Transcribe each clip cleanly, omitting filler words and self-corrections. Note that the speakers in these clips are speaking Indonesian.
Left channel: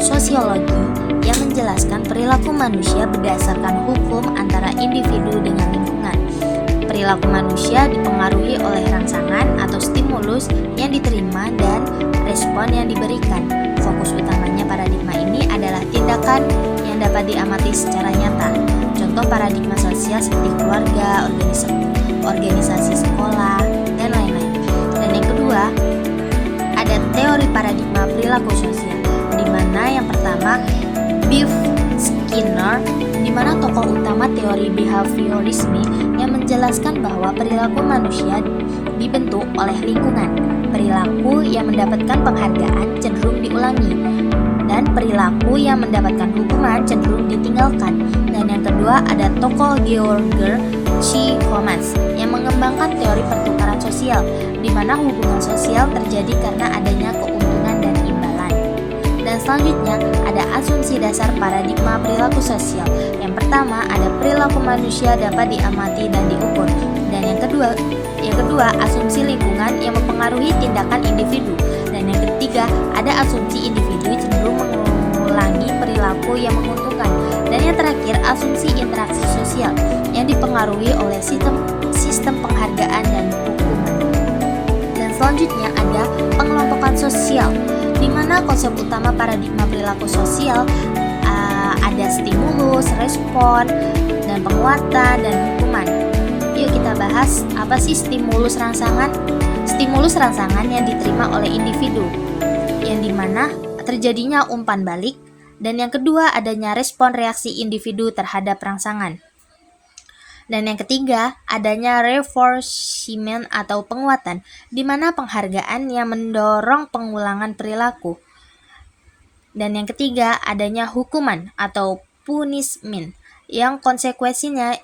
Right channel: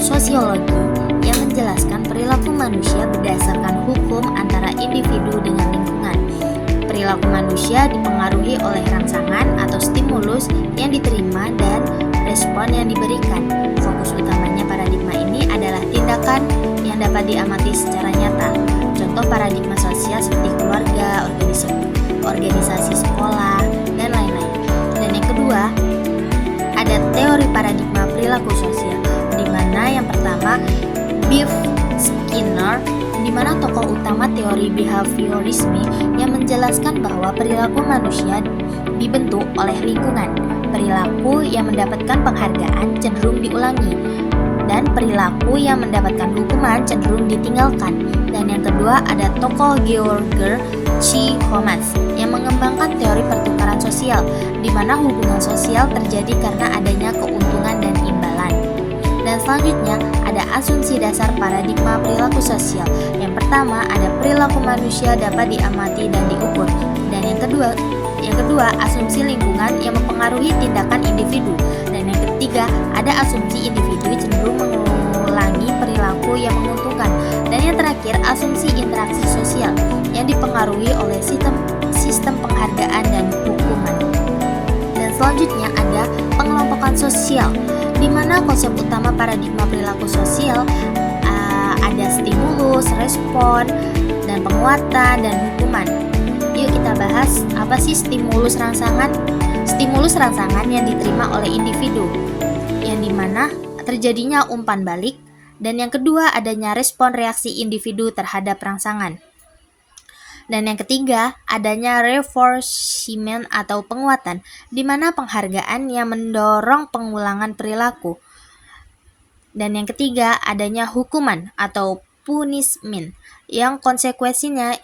sosiologi yang menjelaskan perilaku manusia berdasarkan hukum antara individu dengan lingkungan. Perilaku manusia dipengaruhi oleh rangsangan atau stimulus yang diterima dan respon yang diberikan. Fokus utamanya paradigma ini adalah tindakan yang dapat diamati secara nyata. Contoh paradigma sosial seperti keluarga, organisasi sekolah, dan lain-lain. Dan yang kedua, ada teori paradigma perilaku sosial, di mana yang pertama Biff Skinner, di mana tokoh utama teori behaviorisme yang menjelaskan bahwa perilaku manusia dibentuk oleh lingkungan. Perilaku yang mendapatkan penghargaan cenderung diulangi, dan perilaku yang mendapatkan hukuman cenderung ditinggalkan. Dan yang kedua ada tokoh Gregor C. Holmes yang mengembangkan teori pertukaran sosial, di mana hubungan sosial terjadi karena adanya keuntungan dan imbalan. Dan selanjutnya ada asumsi dasar paradigma perilaku sosial. Yang pertama ada perilaku manusia dapat diamati dan diukur. Dan yang kedua asumsi lingkungan yang mempengaruhi tindakan individu. Dan yang ketiga ada asumsi individu cenderung mengulangi perilaku yang menguntungkan. Dan yang terakhir asumsi interaksi sosial yang dipengaruhi oleh sistem penghargaan dan hukuman. Dan selanjutnya ada pengelompokan sosial, di mana konsep utama paradigma perilaku sosial ada stimulus, respon, dan penguatan dan hukuman. Yuk kita bahas apa sih stimulus rangsangan? Stimulus rangsangan yang diterima oleh individu, yang dimana terjadinya umpan balik. Dan yang kedua adanya respon reaksi individu terhadap rangsangan. Dan yang ketiga, adanya reinforcement atau penguatan, di mana penghargaan yang mendorong pengulangan perilaku. Dan yang ketiga, adanya hukuman atau punishment, yang konsekuensinya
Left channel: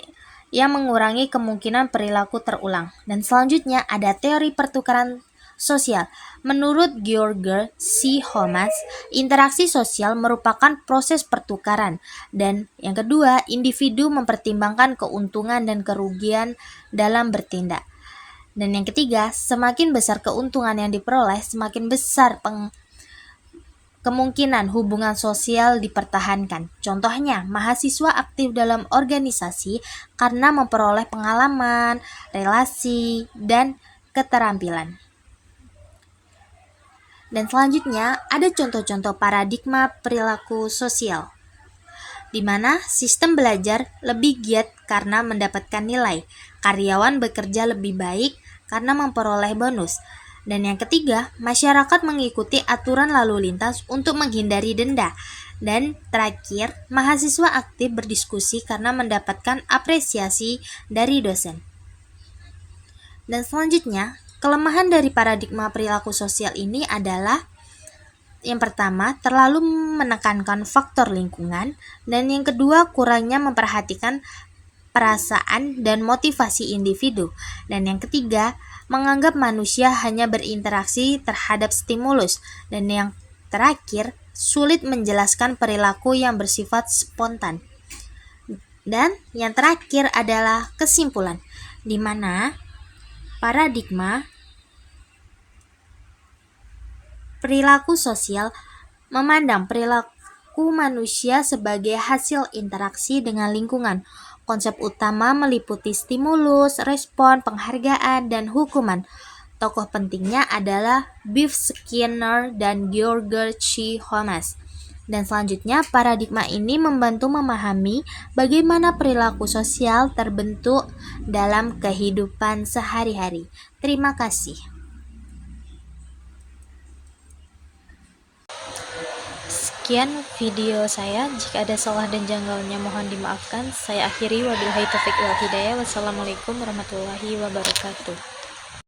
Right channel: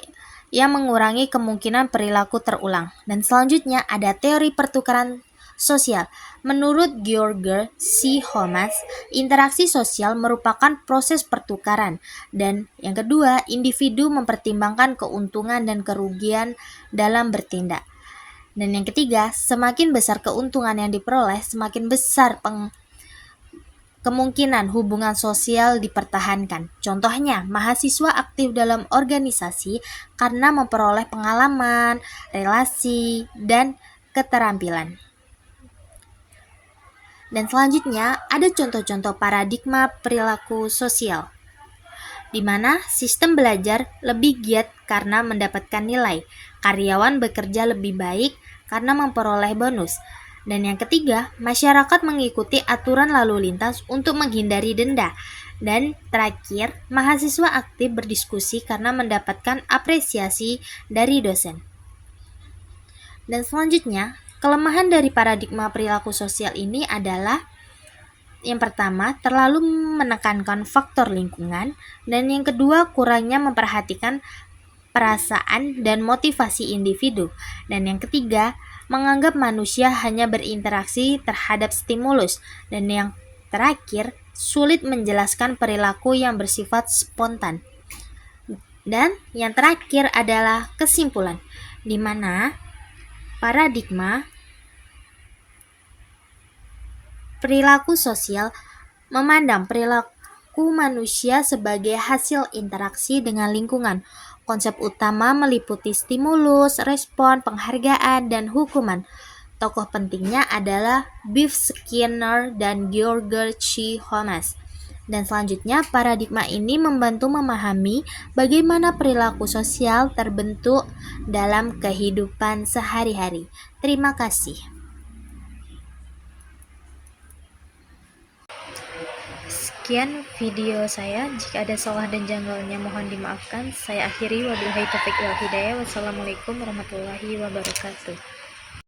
yang mengurangi kemungkinan perilaku terulang. Dan selanjutnya ada teori pertukaran sosial. Menurut Gregor C. Holmes, interaksi sosial merupakan proses pertukaran. Dan yang kedua, individu mempertimbangkan keuntungan dan kerugian dalam bertindak. Dan yang ketiga, semakin besar keuntungan yang diperoleh, semakin besar kemungkinan hubungan sosial dipertahankan. Contohnya, mahasiswa aktif dalam organisasi karena memperoleh pengalaman, relasi, dan keterampilan. Dan selanjutnya ada contoh-contoh paradigma perilaku sosial, di mana sistem belajar lebih giat karena mendapatkan nilai, karyawan bekerja lebih baik karena memperoleh bonus. Dan yang ketiga, masyarakat mengikuti aturan lalu lintas untuk menghindari denda. Dan terakhir, mahasiswa aktif berdiskusi karena mendapatkan apresiasi dari dosen. Dan selanjutnya, kelemahan dari paradigma perilaku sosial ini adalah yang pertama, terlalu menekankan faktor lingkungan, dan yang kedua, kurangnya memperhatikan perasaan dan motivasi individu, dan yang ketiga, menganggap manusia hanya berinteraksi terhadap stimulus, dan yang terakhir, sulit menjelaskan perilaku yang bersifat spontan. Dan yang terakhir adalah kesimpulan, di mana paradigma perilaku sosial memandang perilaku manusia sebagai hasil interaksi dengan lingkungan. Konsep utama meliputi stimulus, respon, penghargaan, dan hukuman. Tokoh pentingnya adalah Biff Skinner dan Gregor C. Holmes. Dan selanjutnya, paradigma ini membantu memahami bagaimana perilaku sosial terbentuk dalam kehidupan sehari-hari. Terima kasih. Sekian video saya. Jika ada salah dan janggalnya mohon dimaafkan. Saya akhiri, wabillahi taufiq wal hidayah. Wassalamualaikum warahmatullahi wabarakatuh.